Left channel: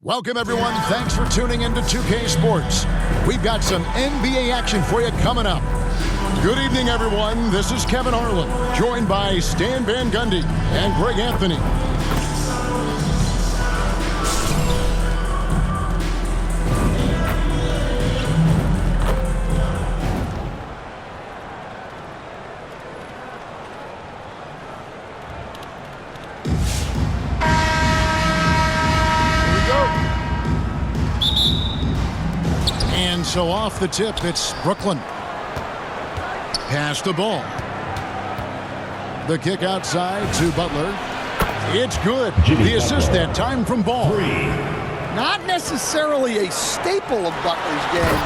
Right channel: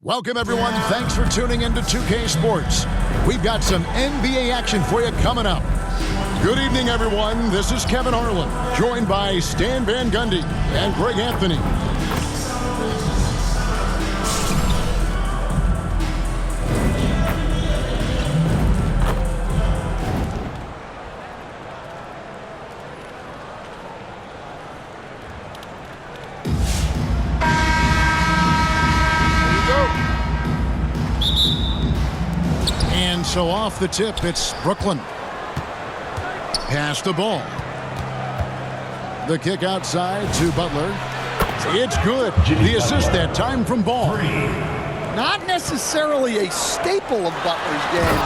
Welcome, everyone. Thanks for tuning in to 2K Sports. We've got some NBA action for you coming up. Good evening, everyone. This is Kevin Harlan, joined by Stan Van Gundy and Greg Anthony. And so off the tip, it's Brooklyn. Pass the ball. The kick outside to Butler. It's good. The assist that time from Ball. Not necessarily a staple of Butler's game,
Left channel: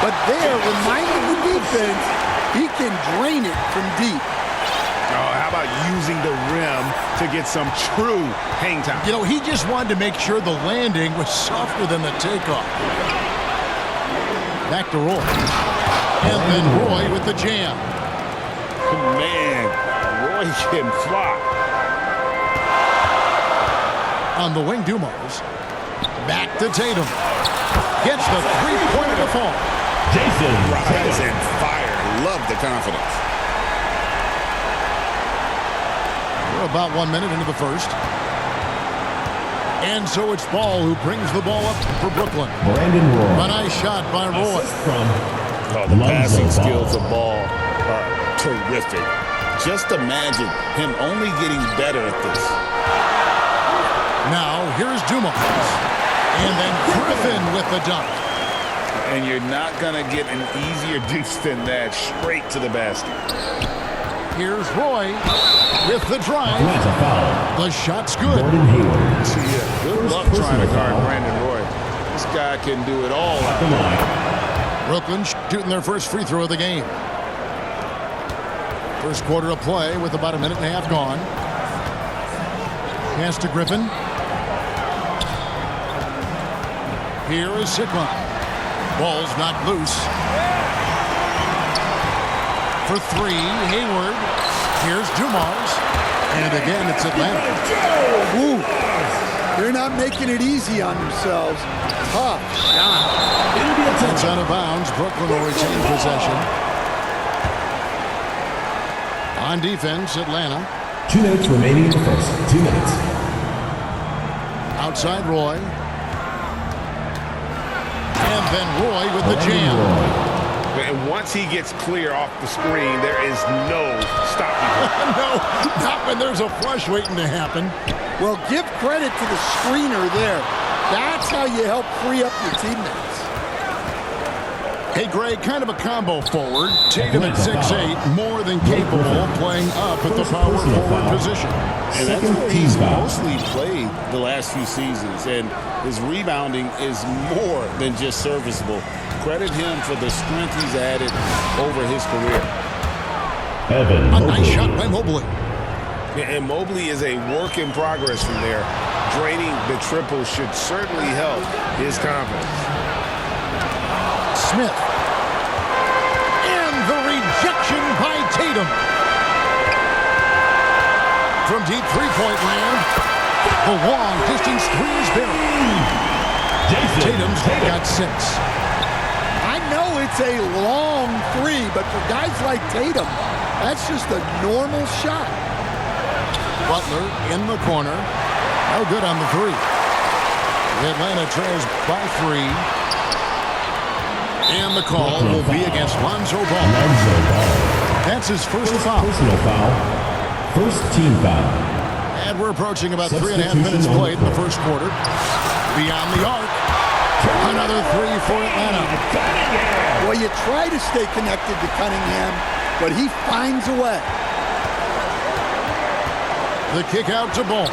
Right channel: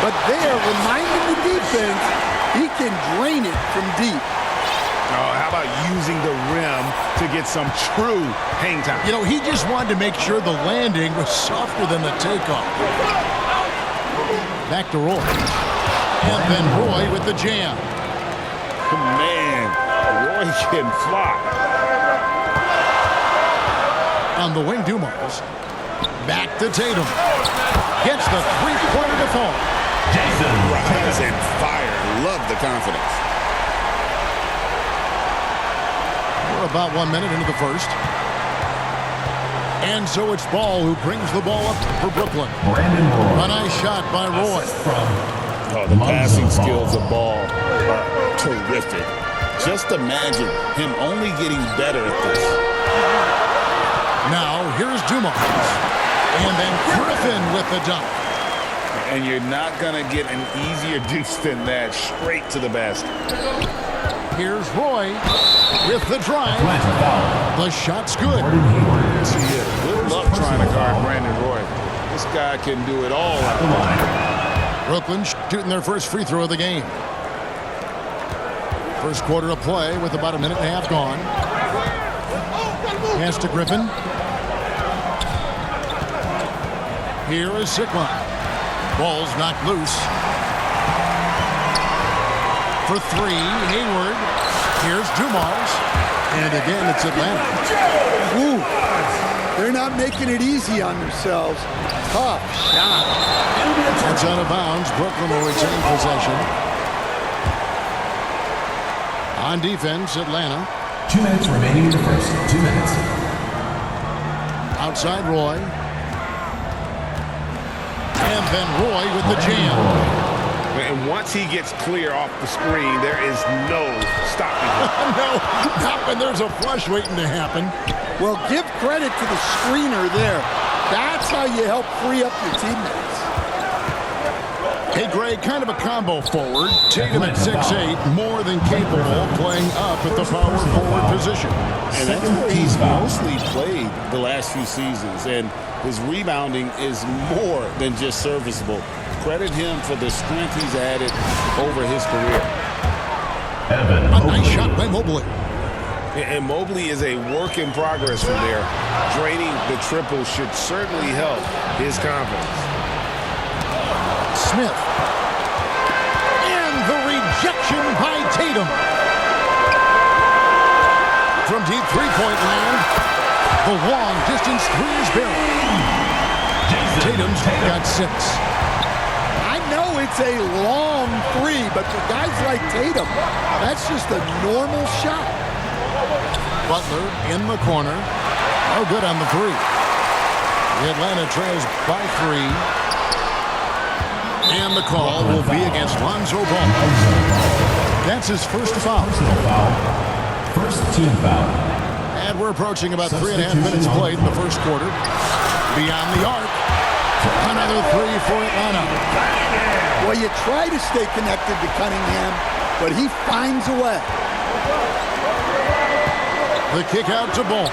but there, reminding the defense, he can drain it from deep. Oh, how about using the rim to get some true hang time? You know, he just wanted to make sure the landing was softer than the takeoff. Back to Roy. And then Roy with the jam. Man, Roy can fly. On the wing, Dumars. Back to Tatum. Gets the three-pointer to fall. Jason rise and fire. Love the confidence. We're about 1 minute into the first. And so it's Ball who brings the ball up for Brooklyn. Brandon Roy. A nice shot by Roy. The passing skills of Ball are terrific. Just imagine him only getting better at this. Now here's Dumars. And then Griffin with the dunk. And you're not going to get an easier deuce than that, straight to the basket. Here's Roy with the drive. The shot's good. Good luck trying to guard Brandon Roy. This guy can do it all out there. Brooklyn shooting their first free throw of the game. First quarter of play with about a minute and a half gone. Pass to Griffin. Here is Sigma. Ball's knocked loose. For three, Hayward. Here's Dumars. And again, it's Atlanta. Ooh, they're not making it easy on themselves. Tough shot. That's out of bounds. Brooklyn will retain possession. On defense, Atlanta. 2 minutes remaining in the first. 2 minutes. Outside Roy. And then Roy with the jam. And once he gets clear off the screen, there is no stopping him. No, not when there's a flush waiting to happen. Well, give credit to the screener there. That's how you help free up your teammates. Hey, Greg, kind of a combo forward. Tatum at 6'8", more than capable of playing up at the power forward position. And that's where he's mostly played the last few seasons. And his rebounding is more than just serviceable. Credit him for the strength he's added over his career. A nice shot by Mobley. And Mobley is a work in progress from there. Draining the triple should certainly help his confidence. Smith. And the rejection by Tatum. From deep three-point land, the long distance three is buried. Tatum's got 6. I know it's a long three, but for guys like Tatum, that's just a normal shot. Butler in the corner. No good on the three. The Atlanta trails by 3. And the call will be against Lonzo Ball. That's his first foul. Personal foul. First team foul. And we're approaching about 3.5 minutes played in the first quarter. Beyond the arc. Another three for Atlanta. Well, you try to stay connected to Cunningham, but he finds a way. The kick out to Ball.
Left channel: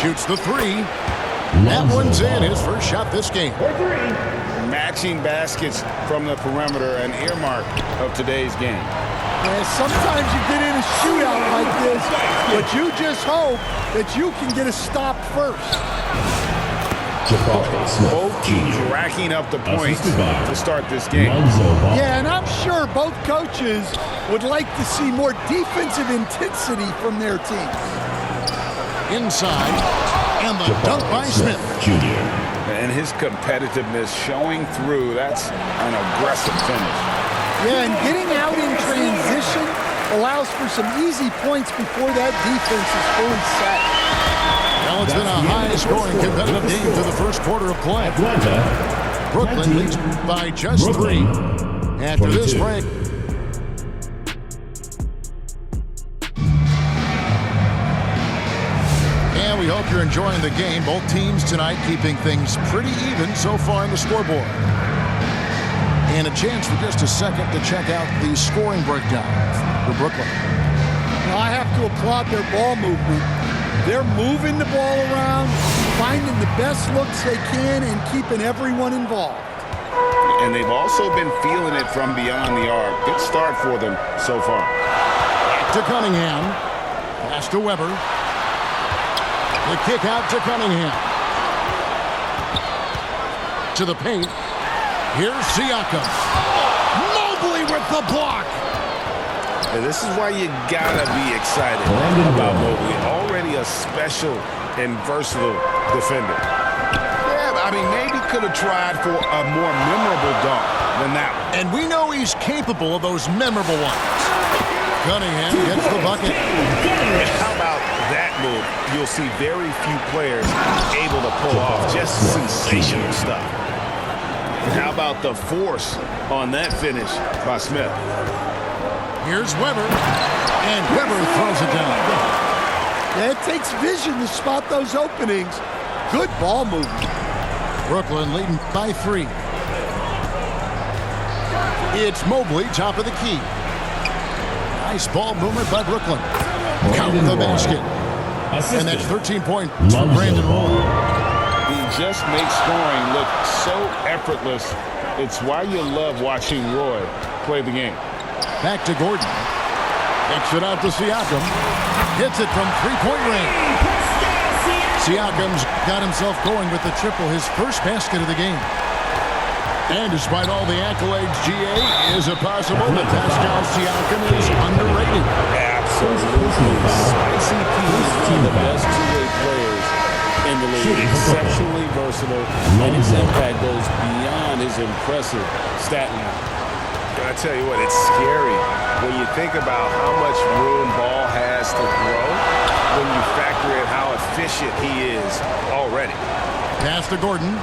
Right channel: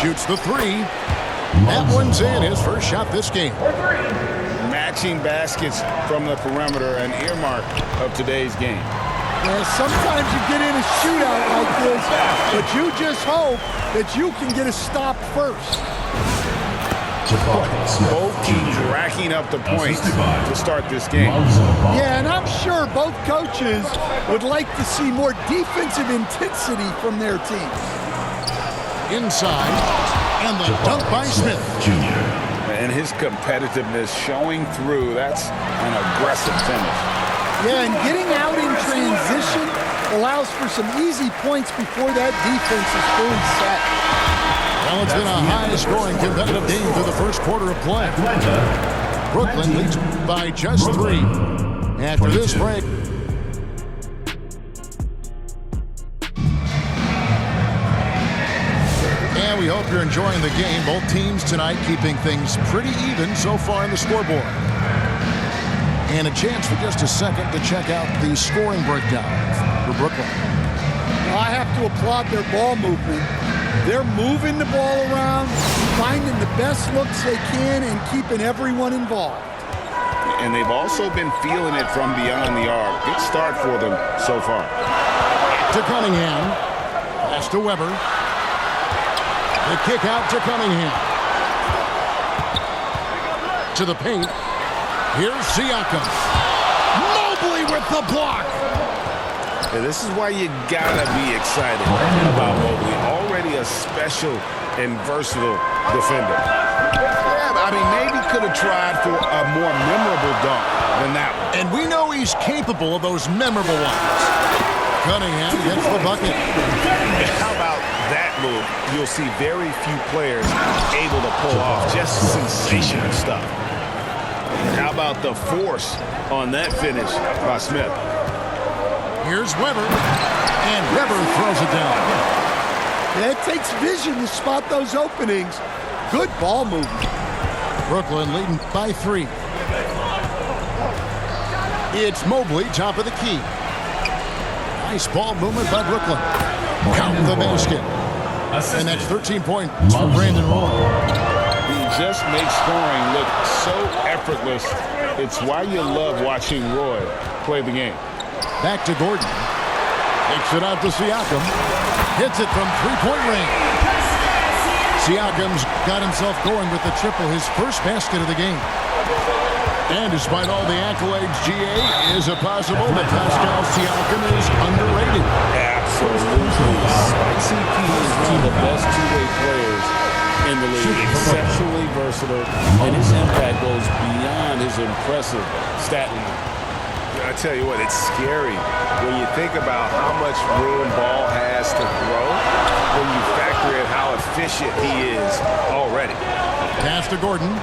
Shoots the three. That one's in, his first shot this game. Matching baskets from the perimeter, an earmark of today's game. Yeah, sometimes you get in a shootout like this, but you just hope that you can get a stop first. Both teams racking up the points to start this game. Yeah, and I'm sure both coaches would like to see more defensive intensity from their teams. Inside. And the dunk by Smith. Jr. And his competitiveness showing through. That's an aggressive finish. Yeah, and getting out in transition allows for some easy points before that defense is fully set. Well, it's been a high-scoring competitive game through the first quarter of play. Atlanta. Brooklyn leads by just 3. After this 22. break. And we hope you're enjoying the game. Both teams tonight keeping things pretty even so far in the scoreboard. And a chance for just a second to check out the scoring breakdown for Brooklyn. Well, I have to applaud their ball movement. They're moving the ball around, finding the best looks they can, and keeping everyone involved. And they've also been feeling it from beyond the arc. Good start for them so far. To Cunningham. Pass to Weber. The kick out to Cunningham. To the paint. Here's Siakam. Mobley with the block. And this is why you gotta be excited Brandon about Roy. Mobley. Already a special and versatile defender. Yeah, I mean, maybe could have tried for a more memorable dunk than that one. And we know he's capable of those memorable ones. Cunningham gets the bucket. How about that move? You'll see very few players able to pull off just sensational stuff. And how about the force on that finish by Smith? Here's Weber. And Weber throws it down. Yeah, it takes vision to spot those openings. Good ball movement. Brooklyn leading by 3. It's Mobley, top of the key. Nice ball movement by Brooklyn. Count the basket. And that's 13 points for Brandon Roy. He just makes scoring look so effortless. It's why you love watching Roy play the game. Back to Gordon. Takes it out to Siakam. Hits it from three-point range. Siakam's got himself going with the triple, his first basket of the game. And despite all the accolades, GA, is it possible that Pascal Siakam is underrated? Absolutely. Spicy P is one of the best two-way players in the league. Exceptionally versatile, and his impact goes beyond his impressive stat line. I tell you what, it's scary when you think about how much room ball has to grow when you factor in how efficient he is already. Pass to Gordon.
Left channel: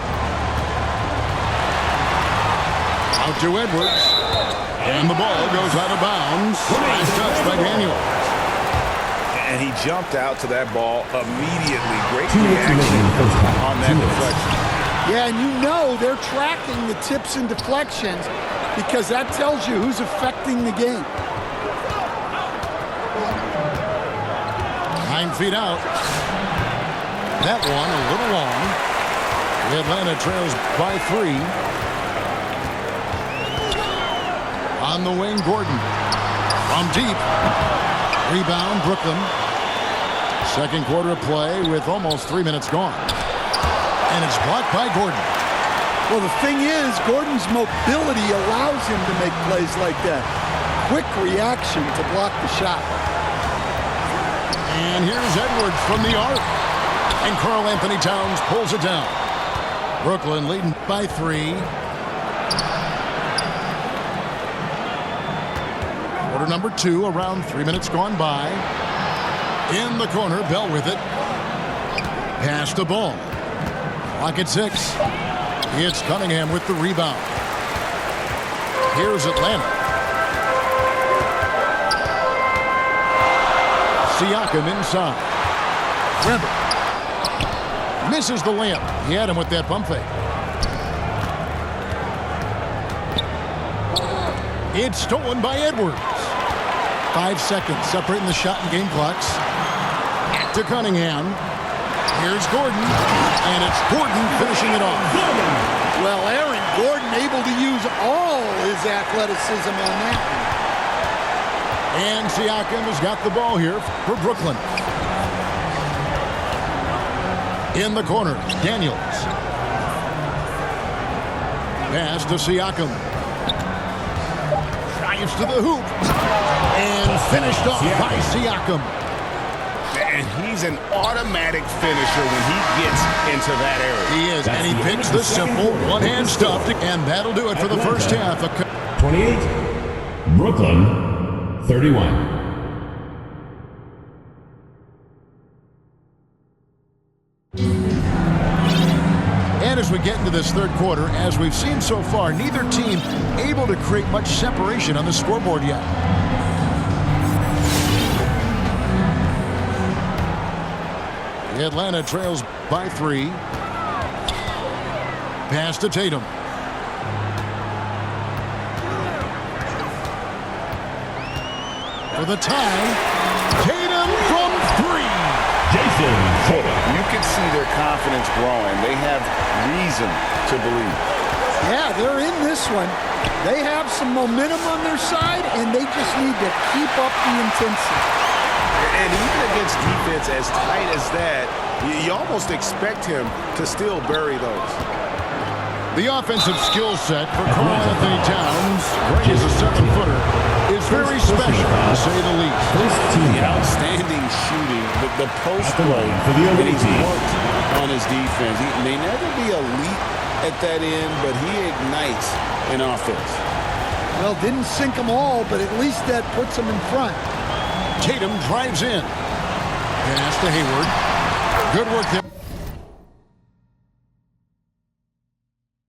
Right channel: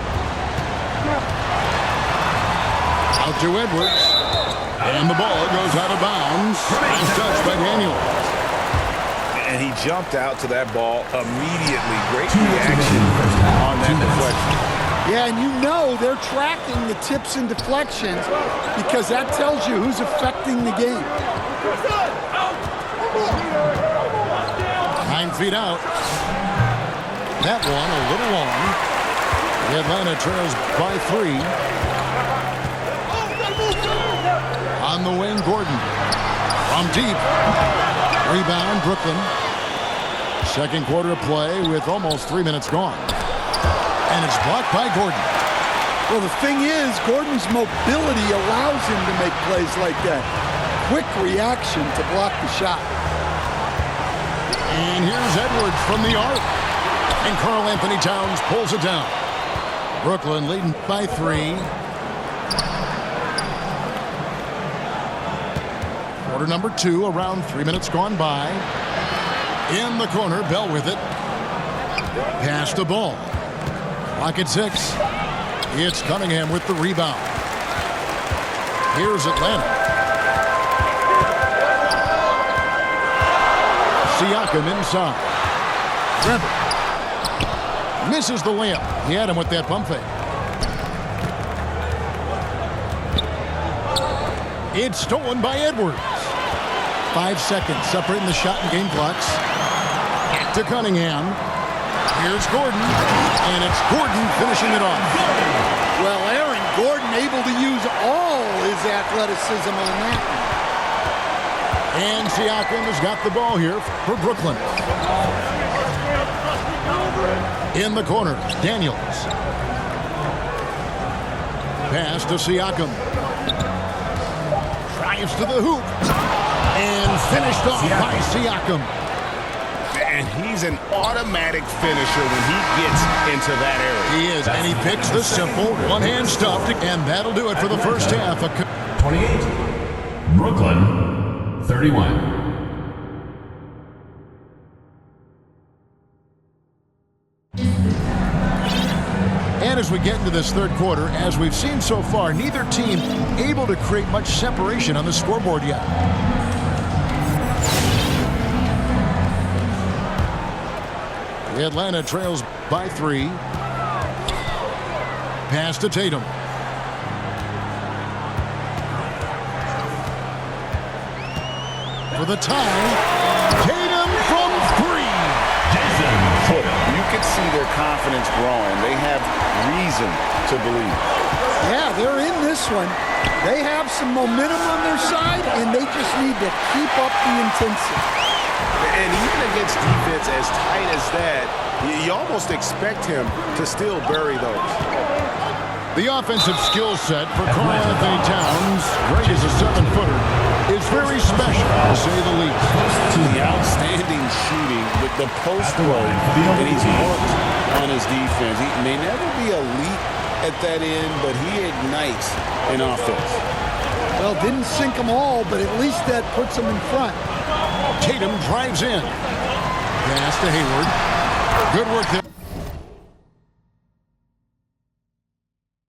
Out to Edwards. And the ball goes out of bounds. Last touch by Daniels. And he jumped out to that ball immediately. Great 2 minutes remaining reaction in the first half. on that 2 minutes. deflection. Yeah, and you know they're tracking the tips and deflections because that tells you who's affecting the game. 9 feet out. That one a little long. The Atlanta trails by 3. On the wing, Gordon. From deep. Rebound, Brooklyn. Second quarter of play with almost 3 minutes gone. And it's blocked by Gordon. Well, the thing is, Gordon's mobility allows him to make plays like that. Quick reaction to block the shot. And here's Edwards from the arc. And Karl Anthony Towns pulls it down. Brooklyn leading by 3. Quarter number 2, around 3 minutes gone by. In the corner, Bell with it. Pass the ball. Clock at 6. It's Cunningham with the rebound. Here's Atlanta. Siakam inside. Weber. Misses the layup. He had him with that pump fake. It's stolen by Edwards. 5 seconds separating the shot and game clocks. Back to Cunningham. Here's Gordon. And it's Gordon finishing it off. Well, Aaron Gordon able to use all his athleticism on that one. And Siakam has got the ball here for Brooklyn. In the corner, Daniels. Pass to Siakam. Drives to the hoop. And finished off by Siakam. And he's an automatic finisher when he gets into that area. He is, and he picks the simple one-hand stuff, and that'll do it for the first half. 28. Brooklyn, 31. And as we get into this third quarter, as we've seen so far, neither team able to create much separation on the scoreboard yet. Atlanta trails by 3. Pass to Tatum. For the tie, Tatum from 3. Jason Tatum. You can see their confidence growing. They have reason to believe. Yeah, they're in this one. They have some momentum on their side, and they just need to keep up the intensity. And even against defense as tight as that, you almost expect him to still bury those. The offensive skill set for Karl Anthony Towns, great as a 7-footer, is very special, to say the least. The outstanding shooting, the post play, and he's worked on his defense. He may never be elite at that end, but he ignites an offense. Well, didn't sink them all, but at least that puts them in front. Tatum drives in. Pass to Hayward. Good work there.